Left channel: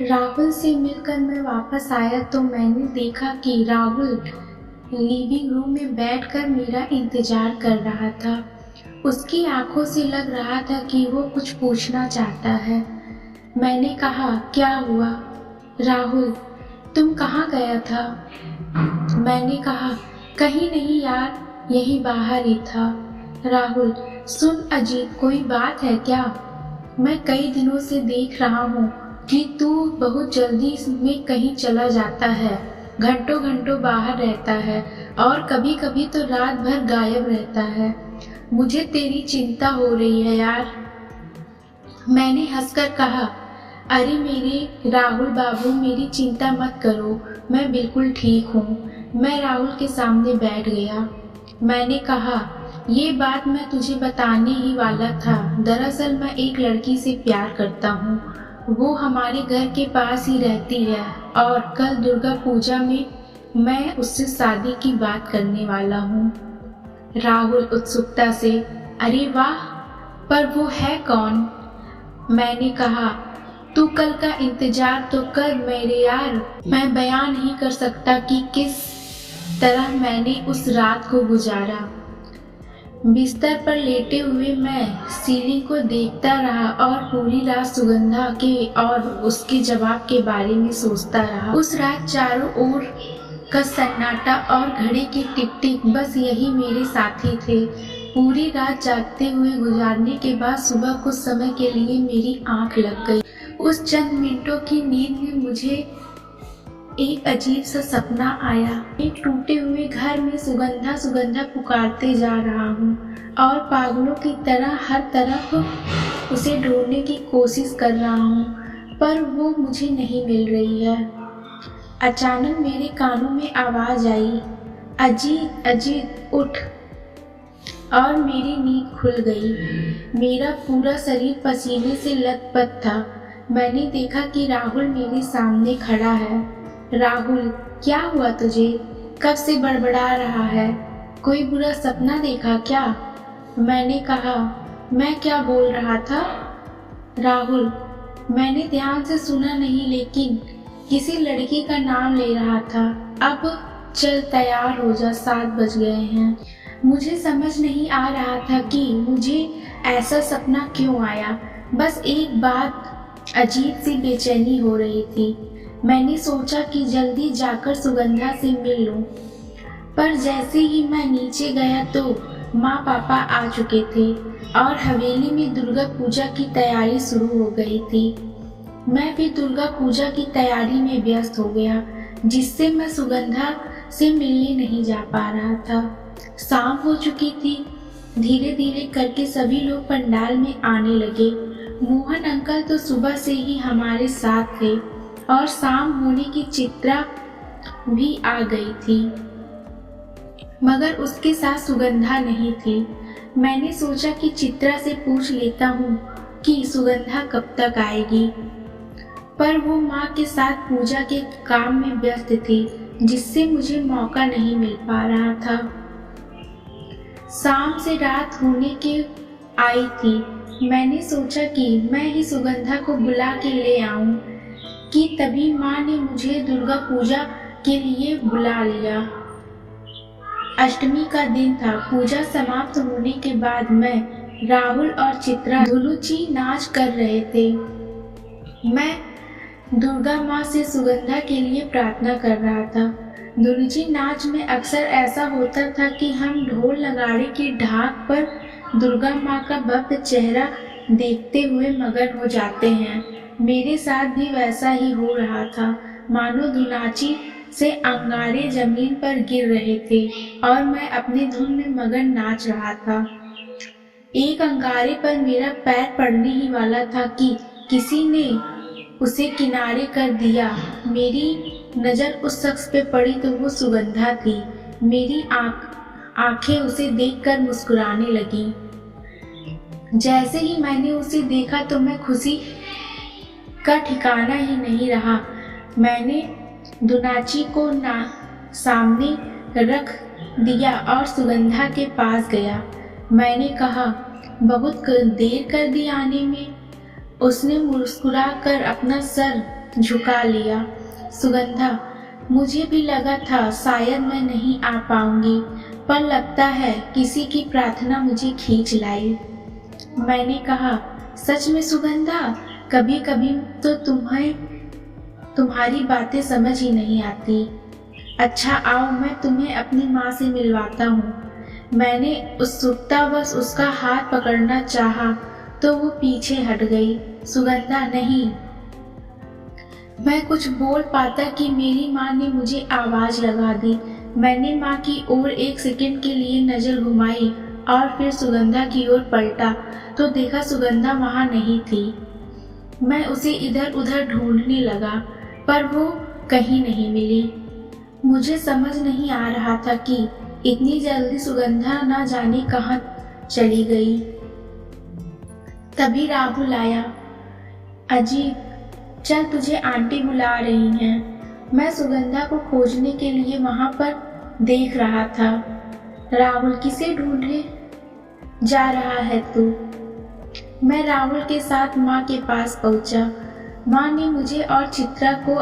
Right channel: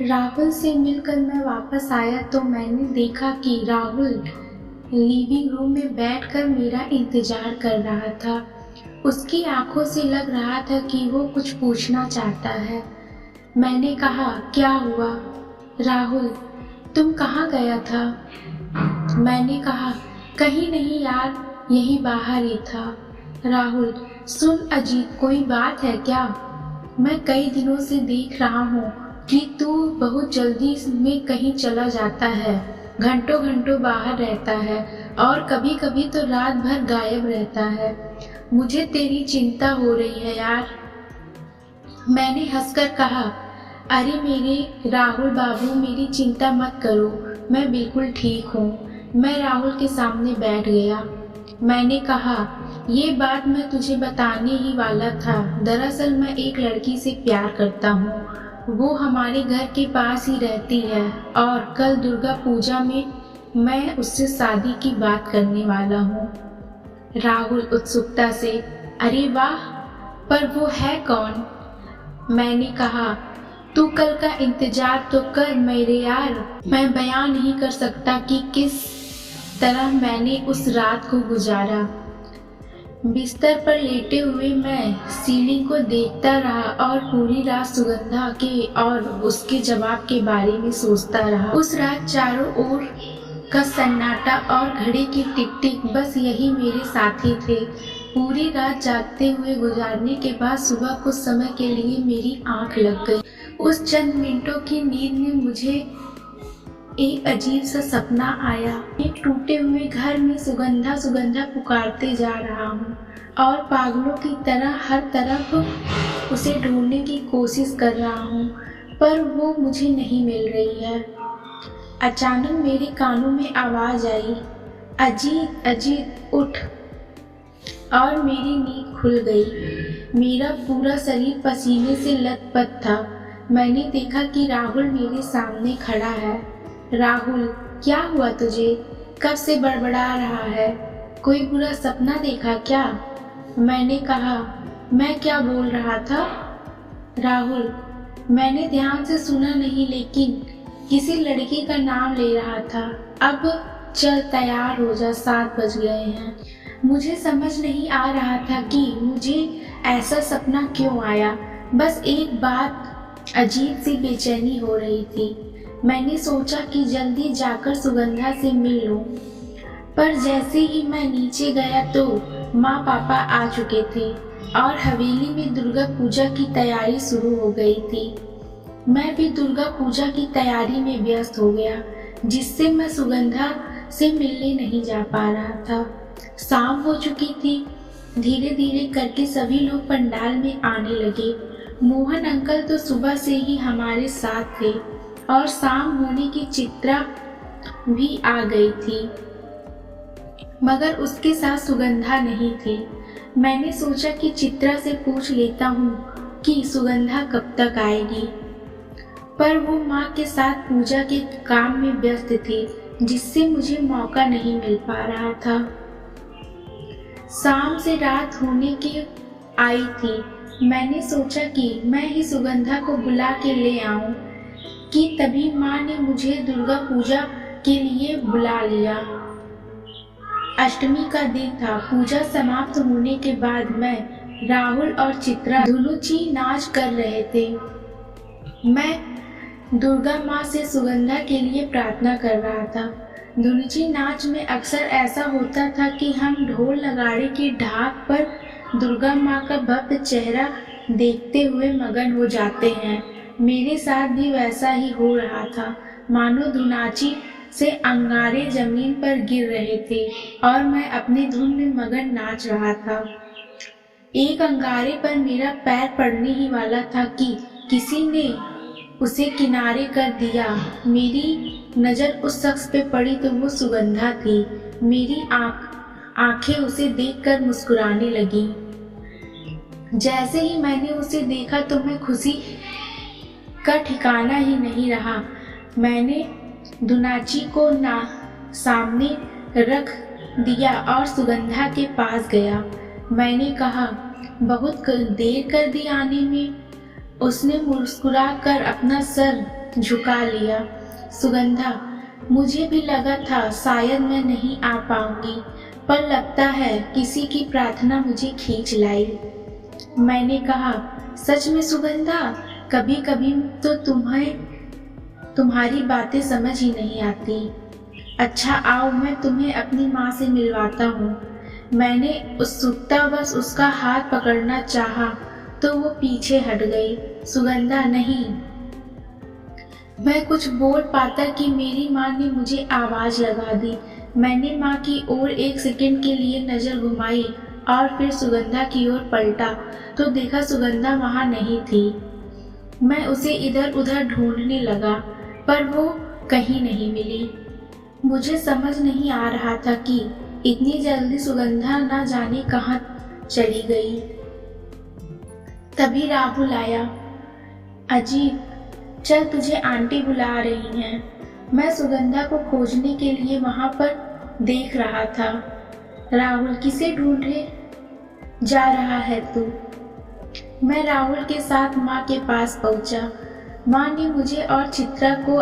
राहुल से मिलकर मैं वापस आया तो मैंने देखा कि राहुल लिविंग रूम में बैठकर मेरा इंतजार कर रहा था। उसकी आंखों से लग रहा था कि वो कुछ पूछना चाहता है। मैंने कहा, क्या हुआ? राहुल, तुम कहाँ गया था? मैंने कहा, कहीं नहीं यार, यहीं बाहर ही था। राहुल, सुन अजीत, कोई बात है क्या? मैं कई दिनों से देख रहा हूँ कि तू बहुत जल्दी में कहीं चला जाता है, घंटों घंटों बाहर रहता है और कभी कभी तो रात भर गायब रहता है। मुझे तेरी चिंता हो रही है यार। मैंने हंसकर कहा, अरे मेरे राहुल बाबू, मेरी चिंता मत करो, मैं बिल्कुल ठीक हूँ। मैं राहुल के सामने बैठ गया। मैंने कहा, ये बात मैं तुझे बताने ही वाला था। दरअसल मैं एक लड़की से प्यार करता हूँ। वो हमारे घर के पास ही रहती है और कल दुर्गा पूजा में मैं उससे शादी की बात करने वाला हूँ। राहुल उत्सुकता से, अरे वाह, पर वो है कौन? मैंने कहा, तू कल का इंतजार तो कर मेरे यार। मैं बयान नहीं कर सकता कि किस तरह मैंने उस रात को गुजारा। बिस्तर पर लेटे हुए मैं सीलिंग को देखता रहा और पूरी रात सुगंधा के और उसके जवाब के बारे में सोचता रहा। उस रात चारों ओर का सन्नाटा और घड़ी की टिक टिक, बस यही मेरे साथी थे। पूरी रात जागते हुए गुजारने के बाद सुबह कुछ समय के लिए मेरी आंख लग गई। उस चंद मिनटों की नींद में मुझे एक अजीब सा सपना आया। एक टूटे हुए घर में सुगंधा सुगंधा पुकारते जा रहा हूँ और पागलों की तरह हर तरफ उसे ढूंढने की कोशिश कर रहा हूँ, पर वो मुझे नहीं मिल रही है। अचानक मेरे कानों में आवाज आई, अजीत अजीत उठ, और मेरी नींद खुल गई। मेरा पूरा शरीर पसीने से लथपथ था। मैंने देखा कि राहुल मेरे सामने खड़ा है। राहुल, क्या हुआ तुझे? कब से बड़बड़ा रहा है? कोई बुरा सपना देखा क्या? मैंने कहा, मैं क्या बोल रहा था? राहुल, मैंने ध्यान से सुना नहीं, लेकिन किसी लड़की का नाम ले रहा था। अब चल तैयार हो जा, 7 बज गए हैं। मुझे समझ नहीं आ रहा था कि मुझे ऐसा सपना क्यों आया। बस एक बात अजीब सी बेचैनी हो रही थी। मैंने सोचा कि जल्दी जाकर सुगंधा से मिल लूं, पर जैसे ही मैं नीचे गया तो माँ पापा आ चुके थे और हवेली में दुर्गा पूजा की तैयारी शुरू हो गई थी। मैं भी दुर्गा पूजा की तैयारी में व्यस्त हो गया, जिससे मैं सुगंधा से मिलने नहीं जा पा रहा था। शाम हो चुकी थी। धीरे धीरे करके सभी लोग पंडाल में आने लगे। मोहन अंकल तो सुबह से ही हमारे साथ थे और शाम होने की चित्रा भी आ गई थी, मगर उसके साथ सुगंधा नहीं थी। मैंने सोचा कि चित्रा से पूछ लेता हूँ कि सुगंधा कब तक आएगी, पर वो माँ के साथ पूजा के काम में व्यस्त थी, जिससे मुझे मौका नहीं मिल पा रहा था। शाम से रात होने के आई थी। मैंने सोचा कि मैं ही सुगंधा को बुला के ले आऊं कि तभी माँ ने मुझे दुर्गा पूजा के लिए बुला लिया। अष्टमी का दिन था। पूजा समाप्त होने के बाद मैं, राहुल और चित्रा धुनुची नाच कर रहे थे। मैं दुर्गा माँ से सुगंधा के लिए प्रार्थना कर रहा था। धुनुची नाच में अक्सर ऐसा होता था कि हम ढोल नगाड़े की ढाक पर दुर्गा माँ का भव्य चेहरा देखते हुए मगन हो जाते हैं। मेरे साथ भी वैसा ही हो रहा था, मानो धुनाची से अंगारे जमीन पर गिर रहे थे और मैं अपनी धुन में मगन नाच रहा था। एक अंगारे पर मेरा पैर पड़ने ही वाला था कि किसी ने उसे किनारे कर दिया। मेरी नज़र उस शख्स पे पड़ी तो वो सुगंधा थी। मेरी आंखें उसे देखकर मुस्कुराने लगी। जैसे ही मैंने उसे देखा तो मैं खुशी का ठिकाना ही नहीं रहा। मैंने धुनाची को सामने रख दिया और सुगंधा के पास गया। मैंने कहा, बहुत देर कर दी आने में। उसने मुस्कुरा कर अपना सर झुका लिया। सुगंधा, मुझे भी लगा था शायद मैं नहीं आ पाऊंगी, पर लगता है किसी की प्रार्थना मुझे खींच लाई। मैंने कहा, सच में सुगंधा? कभी कभी तो तुम्हारी बातें समझ ही नहीं आती। अच्छा आओ, मैं तुम्हें अपनी माँ से मिलवाता हूँ। मैंने उत्सुकतावश उसका हाथ पकड़ना चाहा तो वो पीछे हट गई। सुगंधा, नहीं। मैं कुछ बोल पाता कि मेरी माँ ने मुझे आवाज़ लगा दी। मैंने माँ की ओर एक सेकंड के लिए नज़र घुमाई और फिर सुगंधा की ओर पलटा तो देखा सुगंधा वहाँ नहीं थी। मैं उसे इधर उधर ढूंढने लगा पर वो कहीं नहीं मिली। मुझे समझ नहीं आ रहा था कि इतनी जल्दी सुगंधा ना जाने कहाँ चली गई। तभी राहुल आया। अजीत, चल तुझे आंटी बुला रही हैं। मैं सुगंधा को खोजने के लिए वहाँ पर देख रहा था। राहुल, किसे ढूंढे जा रहा है तू? मैं राहुल के साथ माँ के पास पहुँचा। माँ ने मुझे और चित्रा को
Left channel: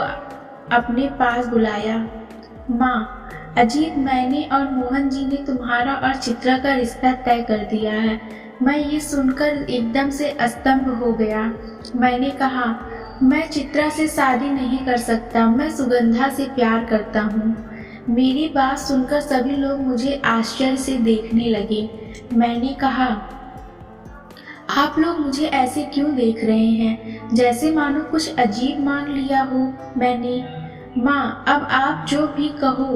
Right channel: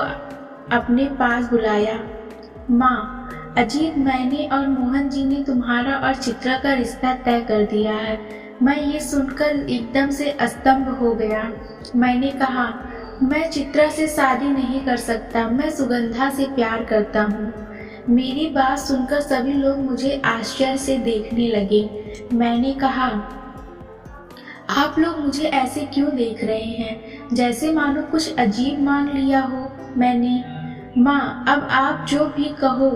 अपने पास बुलाया। माँ, अजीत, मैंने और मोहन जी ने तुम्हारा और चित्रा का रिश्ता तय कर दिया है। मैं ये सुनकर एकदम से अस्तंभ हो गया। मैंने कहा, मैं चित्रा से शादी नहीं कर सकता, मैं सुगंधा से प्यार करता हूँ। मेरी बात सुनकर सभी लोग मुझे आश्चर्य से देखने लगे। मैंने कहा, आप लोग मुझे ऐसे क्यों देख रहे हैं, जैसे मानो कुछ अजीब मांग लिया हो मैंने। माँ, अब आप जो भी कहो।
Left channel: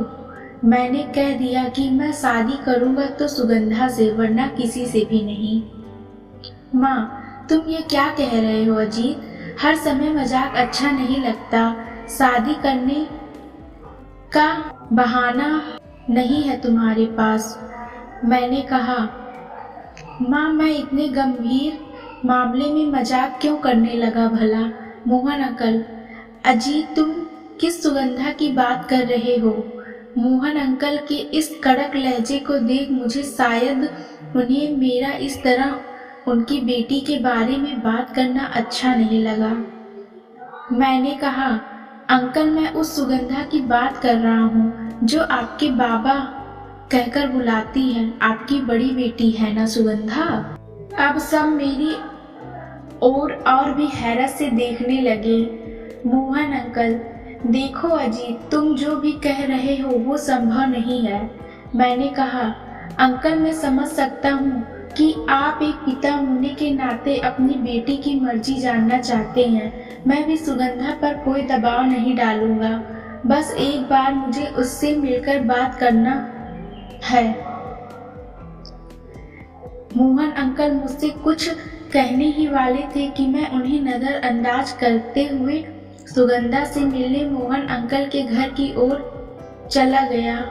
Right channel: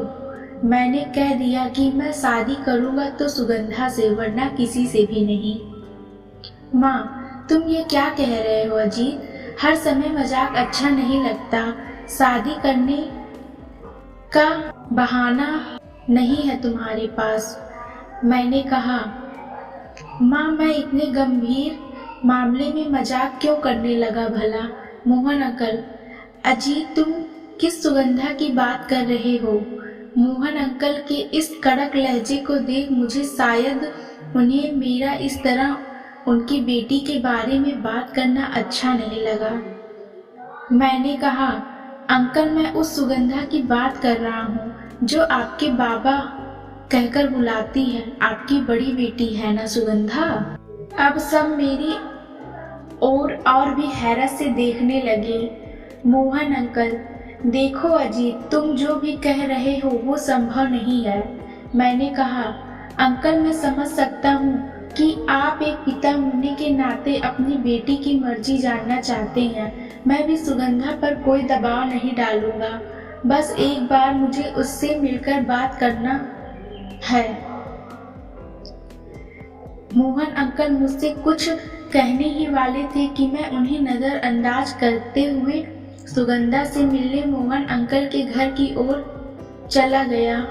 मैंने कह दिया कि मैं शादी करूँगा तो सुगंधा से, वरना किसी से भी नहीं। माँ, तुम ये क्या कह रहे हो अजीत? हर समय मजाक अच्छा नहीं लगता। शादी करने का बहाना नहीं है तुम्हारे पास। मैंने कहा, माँ, मैं इतने गंभीर मामले में मजाक क्यों करने लगा भला? मोहन अंकल, अजीत, तुम किस सुगंधा की बात कर रहे हो? मोहन अंकल के इस कड़क लहजे को देख मुझे शायद उन्हें मेरा इस तरह उनकी बेटी के बारे में बात करना अच्छा नहीं लगा। मैंने कहा, अंकल, मैं उस सुगंधा की बात कर रहा हूँ जो आपके बाबा कहकर बुलाती है। आपकी बड़ी बेटी है ना सुगंधा? अब सब मेरी और भी हैरत से देखने लगे। मोहन अंकल, देखो अजीत, तुम जो भी कह रहे हो वो संभव नहीं है। मैंने कहा, अंकल, मैं समझ सकता हूँ कि आप एक पिता होने के नाते अपनी बेटी की मर्जी जानना चाहते हैं। मैं भी सुगंधा पर कोई दबाव नहीं डालूंगा। बस एक बार मुझे उससे मिलकर बात करना है। मोहन अंकल मुझसे कुछ कहने ही वाले थे कि मैं उन्हें नज़रअंदाज करते हुए सुगंधा से मिलने मोहन अंकल के घर की ओर चला गया।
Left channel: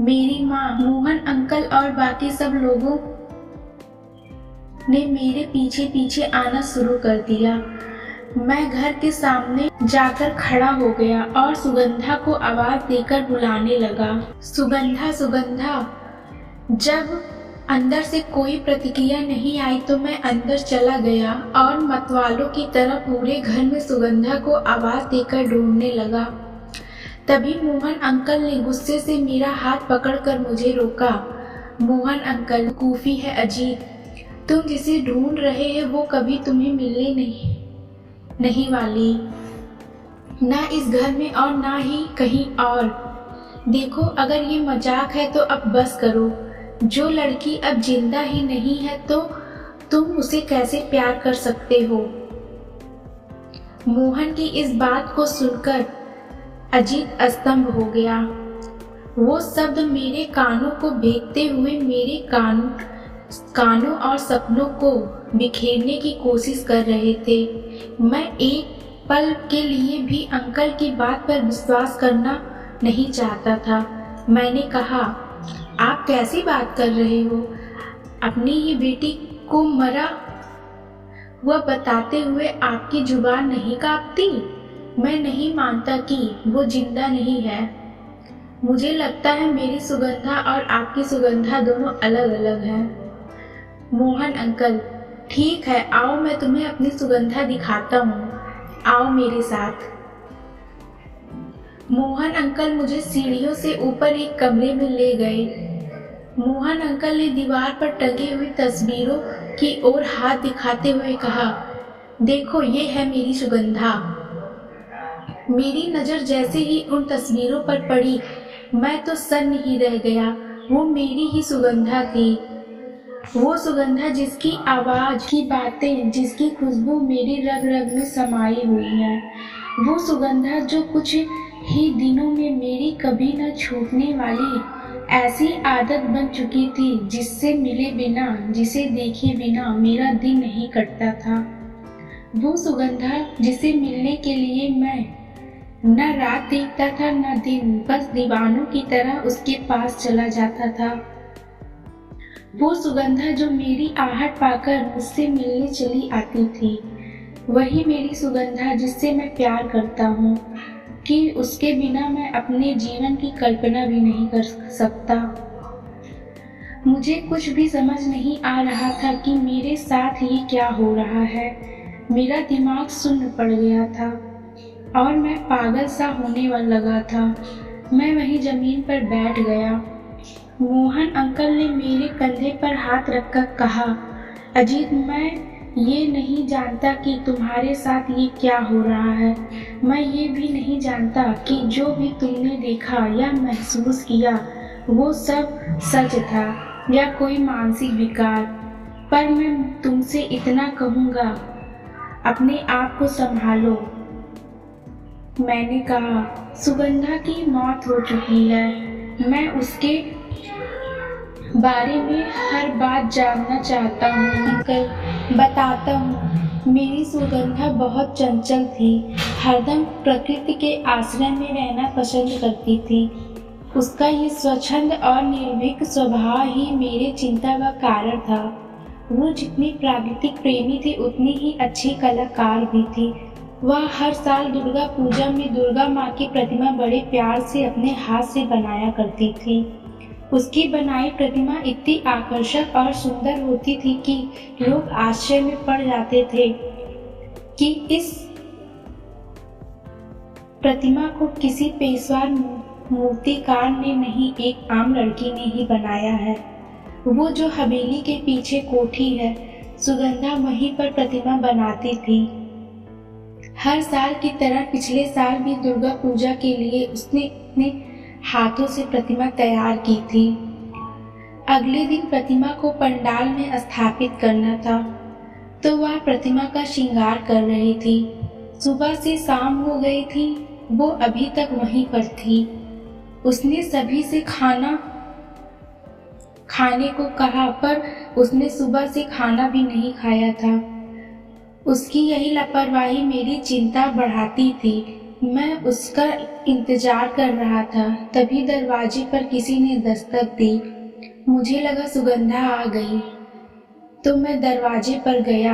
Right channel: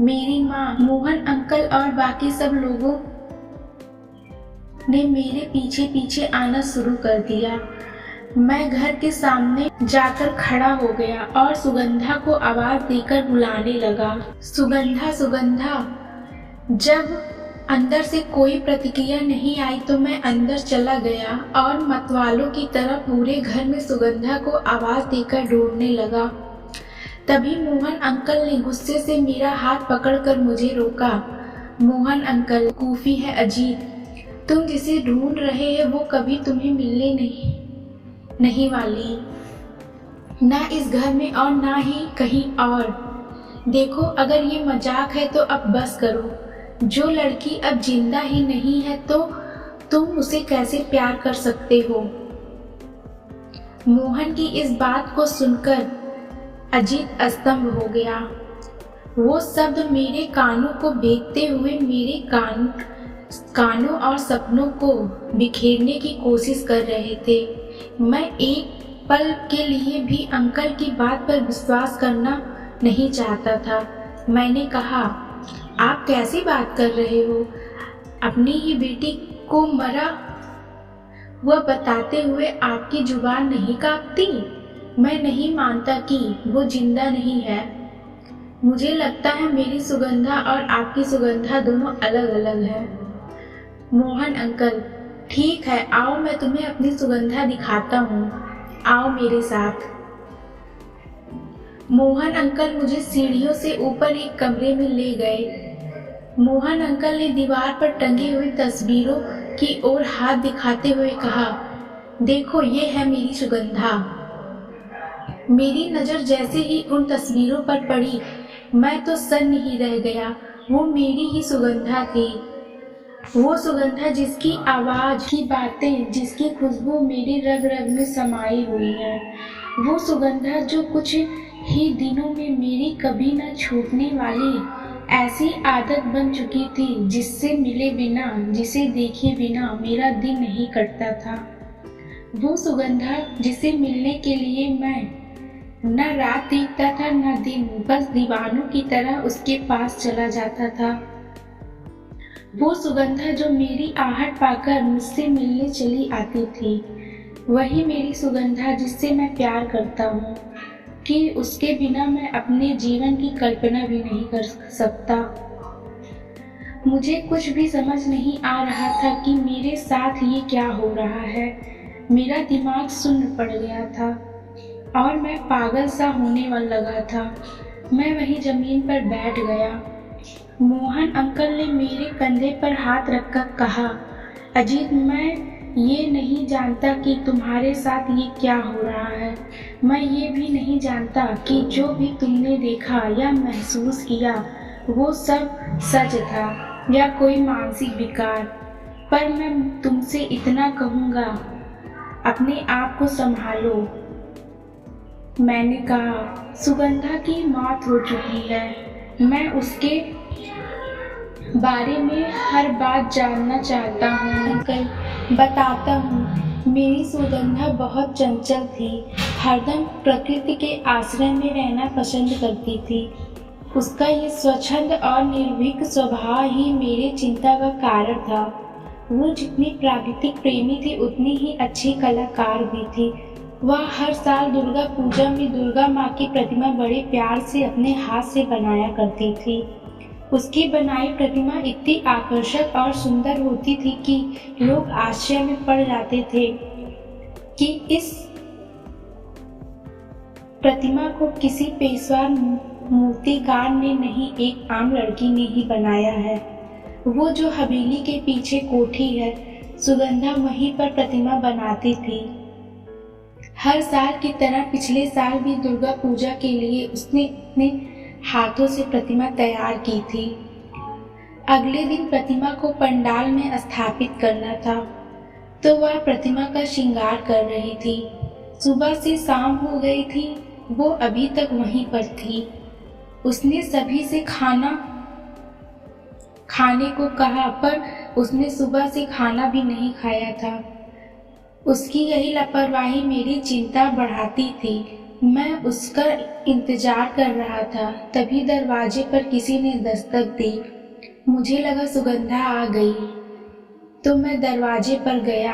मेरी माँ, मोहन अंकल और बाकी सब लोगों ने मेरे पीछे पीछे आना शुरू कर दिया। मैं घर के सामने जाकर खड़ा हो गया और सुगंधा को आवाज देकर बुलाने लगा। सुगंधा, सुगंधा। जब अंदर से कोई प्रतिक्रिया नहीं आई तो मैं अंदर चला गया और मतवालों की तरह पूरे घर में सुगंधा को आवाज देकर ढूंढने लगा। तभी मोहन अंकल ने गुस्से से मेरा हाथ पकड़कर मुझे रोका। मोहन अंकल, कूफी है अजीत, तुम जिसे ढूंढ रहे हैं वो कभी तुम्हें मिलने नहीं वाली, ना इस घर में और ना ही कहीं और। देखो, अगर ये मजाक है तो अब बस करो। जो लड़की अब जिंदा ही नहीं है तो तुम उसे कैसे प्यार कर सकते हो? मोहन की इस बात को सुनकर अजीत अस्तंभ हो गया। वो शब्द मेरे कानों को भेदते हुए मेरे कानों और सपनों को बिखेरने की कोशिश कर रहे थे। मैं एक पल के लिए भी अंकल की बात पर विश्वास करना नहीं चाहता था। मैंने कहा, आप कैसी बात कर रहे हो? अपनी ही बेटी को मरा हुआ बताते हुए आपकी जुबान नहीं कांपती? मैं नहीं मानता कि वो जिंदा नहीं है। मुझे लगता है मेरी सुगंधा और आपकी सुगंधा दोनों अलग अलग हैं। मोहन अंकल, ठीक है, आओ मैं तुम्हें अपनी सुगंधा दिखाता हूँ। आओ मेरे साथ। मोहन अंकल मुझे सीढ़ियों से ऊपर एक कमरे में ले गए। मोहन अंकल ने दीवार पर टंगी हुई तस्वीरों की ओर हाथ दिखाते हुए कहा, देखो ये है मेरी सुगंधा। मेरी नज़र जैसे ही उन तस्वीरों पर पड़ी, मैं तो सन्न ही रह गया। वो मेरी ही सुगंधा थी। वो सुगंधा जिसकी आवाज़, की बातें, जिसकी खुशबू मेरी रग रग में समाई हुई है। वो सुगंधा जो कुछ ही दिनों में मेरी कभी न छूटने वाली ऐसी आदत बन चुकी थी, जिससे मिले बिना, जिसे देखे बिना मेरा दिन नहीं कटता था। वो सुगंधा जिसे मिलने के लिए मैं न रात देखता था न दिन, बस दीवानों की तरह उसके पास चला जाता था। वो सुगंधा जो मेरी आहट पाकर मुझसे मिलने चली आती थी, वही मेरी सुगंधा जिससे मैं प्यार करता हूँ कि उसके बिना मैं अपने जीवन की कल्पना भी नहीं कर सकता। मुझे कुछ भी समझ नहीं आ रहा था कि मेरे साथ ये क्या हो रहा है। मेरा दिमाग सुन्न पड़ गया था और मैं पागल सा होने वाला लगा था। मैं वहीं ज़मीन पर बैठ गया। मोहन अंकल ने मेरे कंधे पर हाथ रखकर कहा, अजीत, मैं ये नहीं जानता कि तुम्हारे साथ ये क्या हो रहा है। मैं ये भी नहीं जानता कि जो भी तुमने देखा या महसूस किया वो सब सच था या कोई मानसिक विकार। पर मैं तुमसे इतना कहूँगा, अपने आप को संभालो। मैंने कहा, सुगंधा की मौत हो चुकी है। मैं उसके बारे में हर बात जानना चाहता हूँ अंकल। बताता हूँ। मेरी सुगंधा बहुत चंचल थी, हरदम प्रकृति के आश्रय में रहना पसंद करती थी। उसका ये स्वच्छंद और निर्भीक स्वभाव ही मेरे चिंता का कारण था। वो जितनी प्राकृतिक प्रेमी थी, उतनी ही अच्छी कलाकार भी थी। वह हर साल दुर्गा पूजा में दुर्गा माँ की प्रतिमा बड़े प्यार से अपने हाथ से बनाया करती थी। उसकी बनाई प्रतिमा इतनी आकर्षक और सुंदर होती थी कि लोग आश्चर्य में पड़ जाते थे कि इस प्रतिमा को किसी पेशवा मूर्तिकार ने नहीं, एक आम लड़की ने ही बनाया है। वो जो हवेली के पीछे कोठी है, सुगंधा वहीं पर प्रतिमा बनाती थी। हर साल की तरह पिछले साल भी दुर्गा पूजा के लिए उसने अपने हाथों से प्रतिमा तैयार की थी। अगले दिन प्रतिमा को पंडाल में स्थापित करना था, तो वह प्रतिमा का श्रृंगार कर रही थी। सुबह से शाम हो गई थी, वो अभी तक वहीं पर थी। उसने सभी से खाने को कहा, पर उसने सुबह से खाना भी नहीं खाया था। उसकी यही लापरवाही मेरी चिंता बढ़ाती थी। मैं उसका इंतजार कर रहा था। तभी दरवाजे पर किसी ने दस्तक दी। मुझे लगा सुगंधा आ गई, तो मैं दरवाजे पर गया।